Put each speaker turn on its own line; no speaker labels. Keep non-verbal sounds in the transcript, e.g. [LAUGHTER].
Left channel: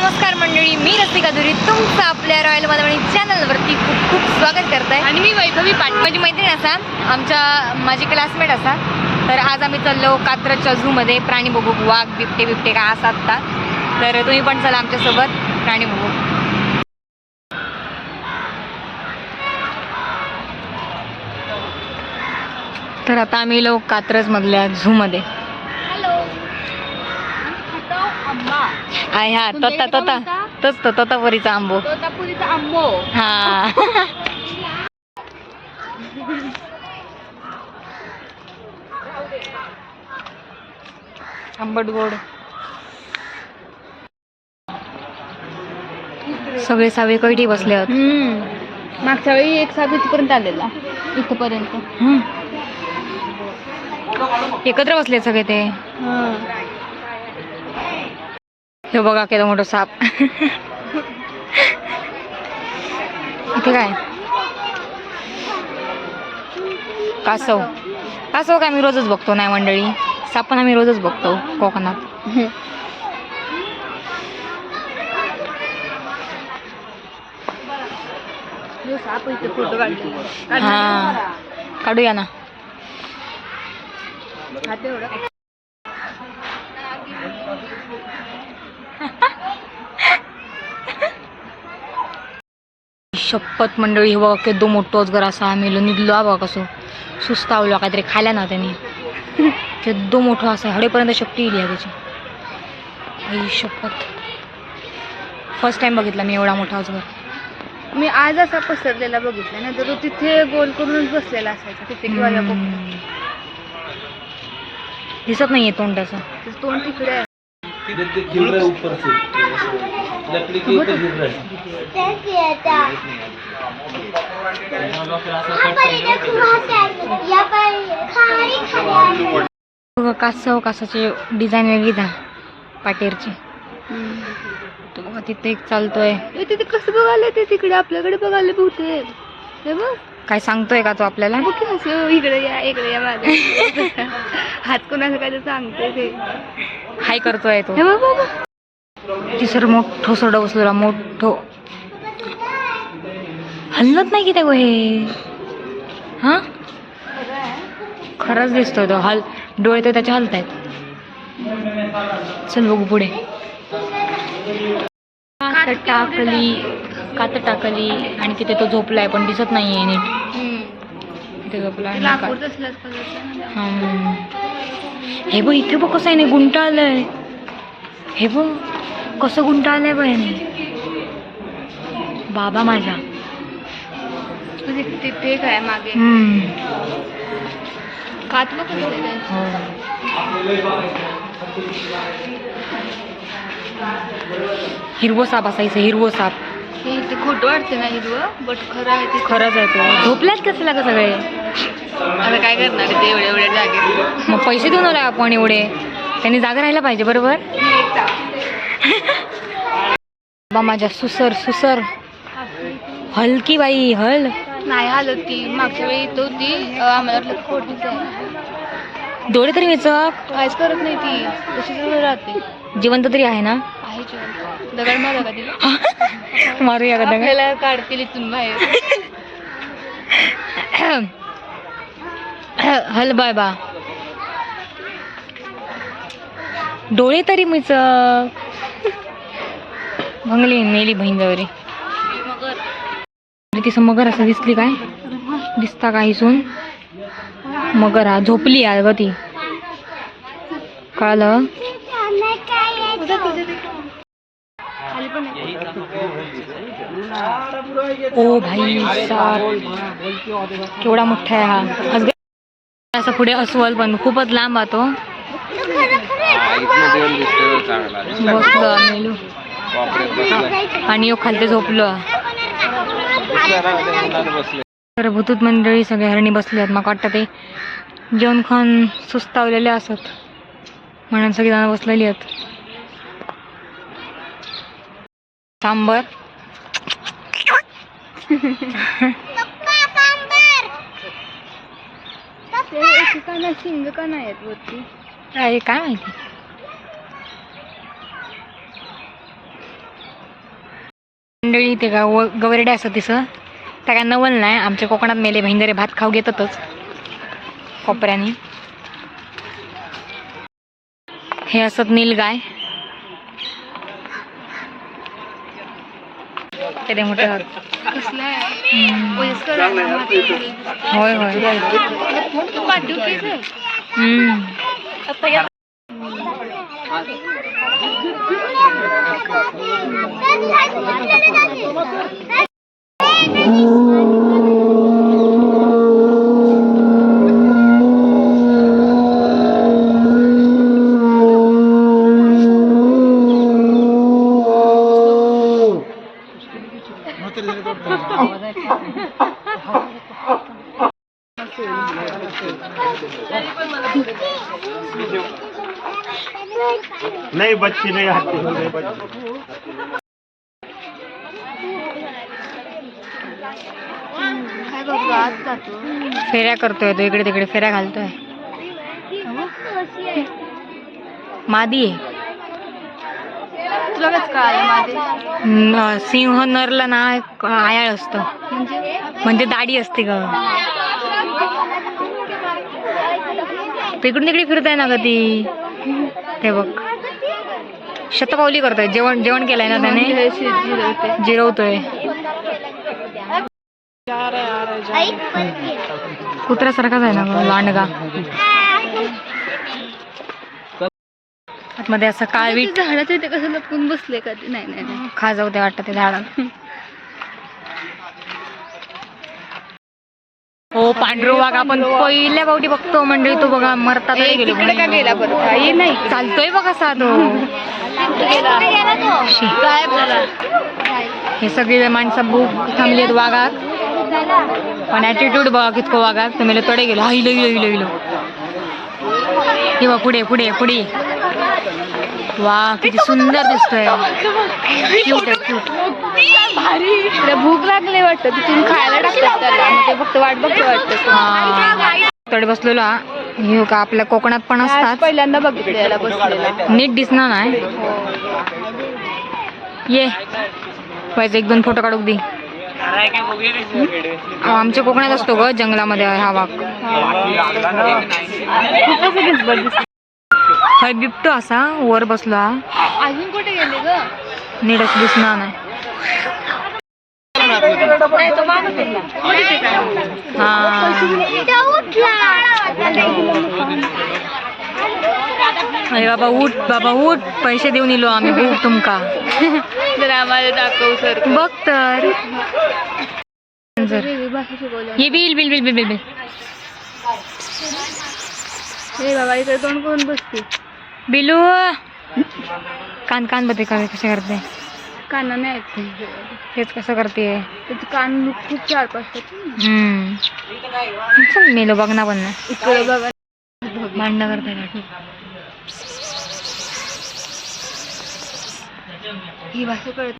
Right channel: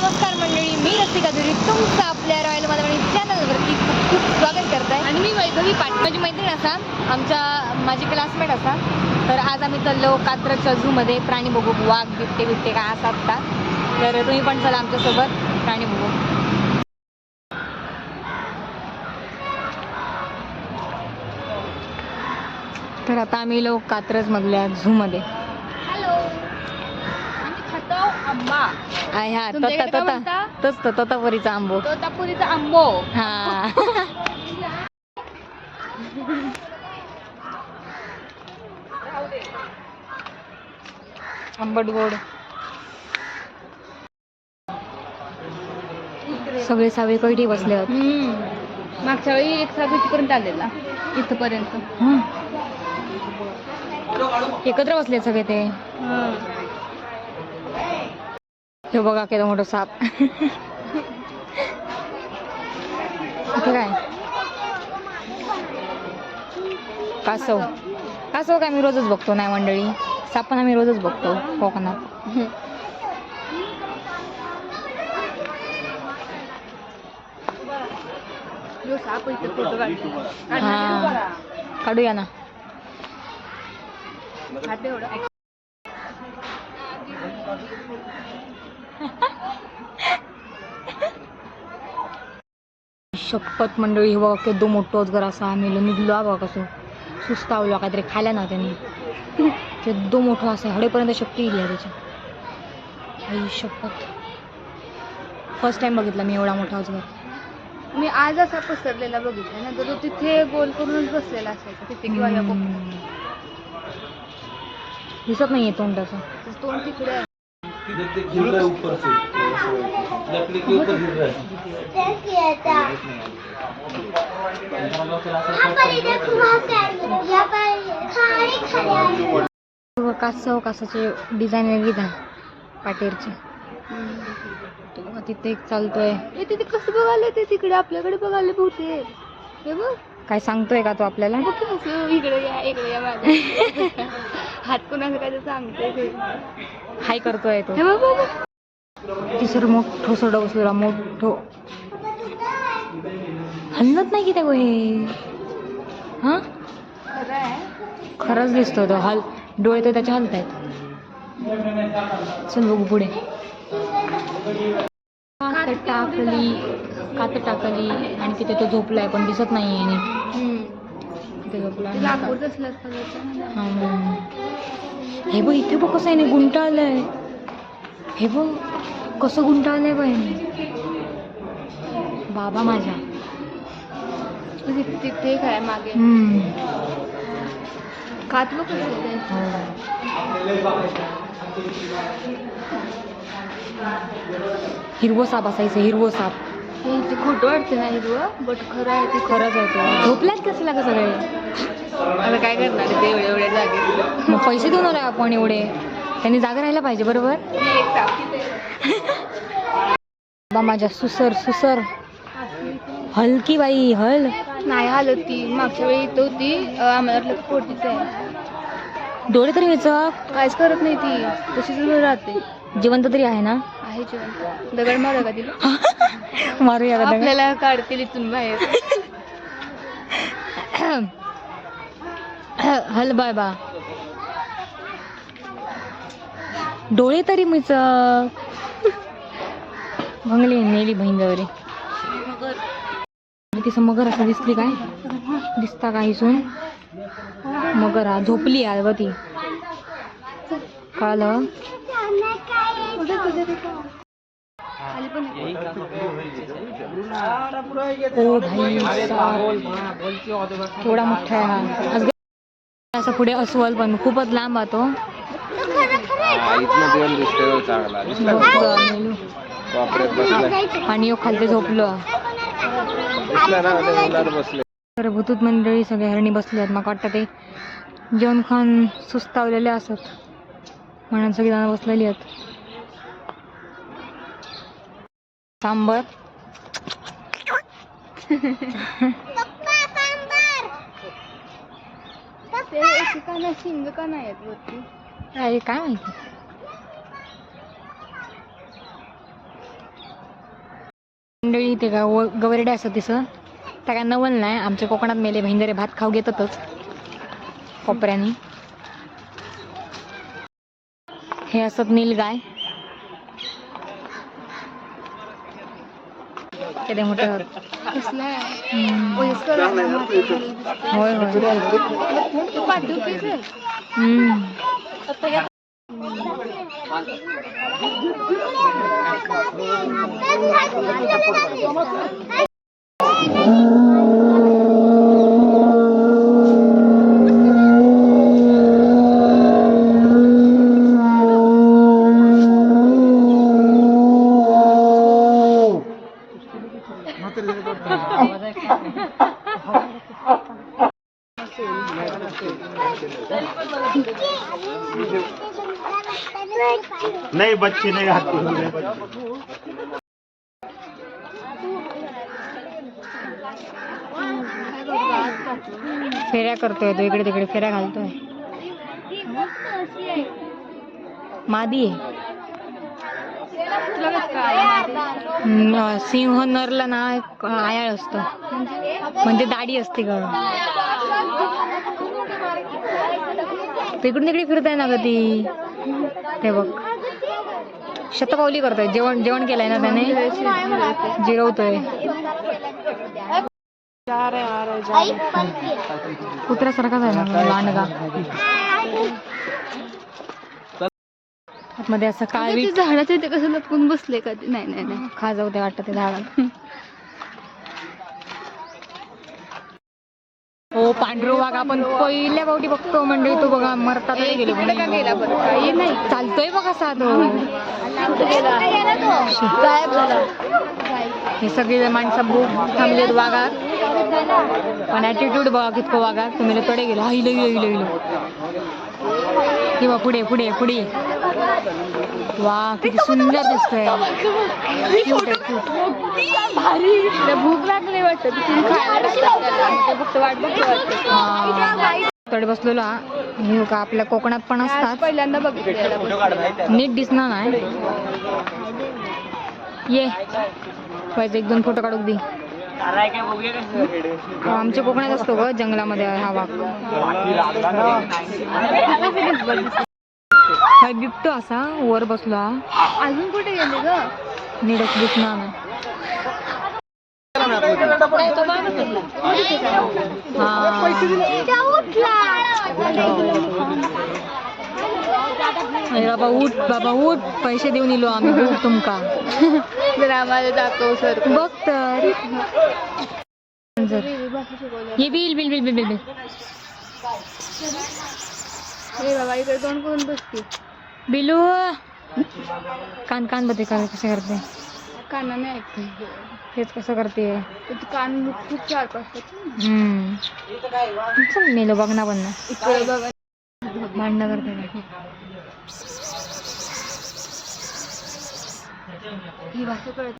नमस्कार मंडळी मी रसिका दुरी. तुमचं आपल्या रॉयल मधुबनी चॅनलवरती खूप खूप स्वागत करत आहे आणि मी वैभवी पाटील. माझी मैत्रीण असा आमच्या माझी क्लासमेट असा. तर आज आम्ही चाललो कात्रजच्या झूमध्ये प्राणी बघू वाघ बिबटे बिबटे काय असतात का तर तुम्ही पण चला आमच्यासोबत प्राणी बघू. तर आता आम्ही लोक कात्रजमधल्या झूमध्ये
हॅलो
आहे हा. तोता तोता? तोच तो तोतापुरीचा आंबो.
तोतापुरीचा आंबो.
हा. आंबट गोड. सगळे सावे कैठी बसले आहेत.
मागच्या वेळी एक सात पर्यंत आलेला. इथपर्यंत.
एकत्र बसले सगळे ते. हे बघा केलं मोठं साप. इथे काय? कासव. कासव काय आम्ही रोजच बघतो नाही मंडळी. साप पण आम्ही रोजच बघतो कोकणात. हा. काढूया ना. शपथ मंडळी हे बघा केदो मोठो अजगर असा आम्ही लो निघलो हा बघा कसो. सुस्तावलो काहीतरी खायला ना त्यांनी. केदो मोठो असा हडेपर्यंत शक्ती येईल त्याची. आई शपथ. फर्स्ट टाइम बघितला मी एवढा मोठा अजगर.
मी आज असा पसरलेला बघितला ना तर तो तिथे गोल करूनच बसलेला असायचा तिथे.
दिसत नाहीये तोंड त्याचं
तोंड तिकडे
है लकड़ी के ऊपर गिर रहा है
बघा कासव कासाची डिझाईन वेगळी जा पाटीरची तो बघा तिथे एक चालतोय.
तिथे कसं बघायला ते तिकडे आपल्याकडे बघायला बहुतेक. हे बघ.
काय सांगतोय का तो आपल्याला?
असं इकडे या इकडे या माझा [LAUGHS] हात कोणाचं काय तर सांगते ते.
हाय करतोय तो.
हे
तिसर मोठो सोडा बसलेला मोठो. हलत नाही की ते गो हे? हा खरंच दिसतोय तो. हल डोळे तर त्याचे हलतायत. चल बघू पुढे. कात टाकली. कात टाकली आणि तिथे तो झोपलाय पण दिसत नाहीये नीट.
हम्म.
तिथे झोपला. हे बघ इथे बघ कसं आहे नाही गुंटाळलंय. हे बघ. कसं गुंटाळलंय याने बाबा माझा
तिथे तिथे काय मागे. कातलं ते?
हो. हिरवो साप असायचं हिरवो साप.
इथे खोटं वाटते ना हिरवं बट खरं आहे ते.
खरंच आहे तो. झोपल्यात कसला का सगळे?
आता काय करणार ते एवढ्या एवढ्या जागेत
मग पैसे देऊन आलोय आपण एवढे. त्यांनी जागा राहायला पाहिजे बरोबर? बाबा माझ्या सुसर सुसर. हलकी बाई हल.
नाही आलं ती मागच्या वेळी इथं होती. आम्हाला वाटलं आहे
डोळे तरी वेचक.
काहीच करत नाही ती. तशीच राहते.
जिवंत तरी आहे ना?
आहे जिवंत. दगड मारू का तिला? [LAUGHS]
मारूया का दगड?
काढतील इथून बाहेर. [CLEARS THROAT]
हल बाय बा. डोळे तरी मिचक. भंगली मेली बहीण जवळ तिचं मगर असं दिसली काय? दिसता काही सून मगर हा झोपली आहे ग ती. कळलं ओ भाई केवढा मोठा आहे हा. असं पुढे अस्वल पण खूपच लांब आहे तो बसलो मेलो आणि यो खालते झोपलो. तर भूतूत मंडळी सगळे हरणी बसले आहेत. मग वाटतं ते जेवण खाऊन सुस्तावलेले असत. म्हणून सगळी जण बसलेली आहेत. सांबर.
ते एकेकाला शिंग का नाही आहेत वरती?
काय काय माहिती? मंडळी ते गाव गवरडे असं तिसं त्या काय नवल नाही आमच्या कोकणात मेले बहिंदरे भात खाऊ घेतातच. कोपऱ्याने. हे असत नीलगाय गाय. मोठे. होय होय.
तू [LAUGHS] [LAUGHS] पाठवू की सर?
हम्म.
नहीं बच्ची नहीं आती। नहीं बच्ची
फेऱ्या करतोय तो इकडे तिकडे फेऱ्या घालतोय. मादी आहे. सिंह नरला ना आयाळ असतं.
म्हणजे
दाढी असते ग. तिकडून तिकडे फिरताय ना ग ती? ते बघ. शतपावली करतोय. जेवण जेवण केलंय ना त्याने. जिरवतोय. कुत्र्यासारखाच आहे ना लांडगा. आतमध्ये असं काळवीट
ते झाडाच्या इथे कसं लपून बसले का? ते? नाही नाही नाही.
खा जाऊ ते वाटतं ते झाडात [LAUGHS] पांढरो वाघ आपण पहिल्या गावठी बघतो मंडळी तो बघा मरता तरी गेलो चालतोय बघा असा तो हे सगळे माणसं भूक थांबली आहेत वाघात. पण ॲटिट्यूड बघा कितकं वाघात. तुम्ही तडे गेलो. हा इलो इलो इलो इलो किंवा पुढे पुढे पुढे. वा किती सुंदर दिसतोय. [LAUGHS] क्यूट आहे क्यूट
भूक लागली वाटतं तिथून खायला टाकतात त्याला. आणि ते फक्त वाट बघते वाटतं.
तडे बसलेलो हा. का आपल्या कोकणात पण असतात.
पहिल्यांदा बघितलं.
नीट दिसणार नाही. ये. व्हायचं एक दोन फोटो काढू दे. आमच्या कोकणात असतो ग जंगलामध्ये हा वाघ. हाय बिबटो असा वर बसलो. हा
अजून कुठे गेले ग?
असं दिसणार नाही. हा. अरे बाबा उठ बाबा उठ. पैसे देऊन इलो आम्ही भूक तुमका.
जर आम्हाला दाखव सर.
बघ तर. जर. ये bill bill bill bill bill bill.
हे बाबा इकडे तोंड करून बसते
बिलू कान कान बघते का कसे करते?
कानाने ऐकते
तेच कसं करते?
त्याचे कान खूप चार पाच.
हम्म. चल मेलो बघ ना पण. ना
इकडे बघा.
भांडणं करते
ही भाषा कळत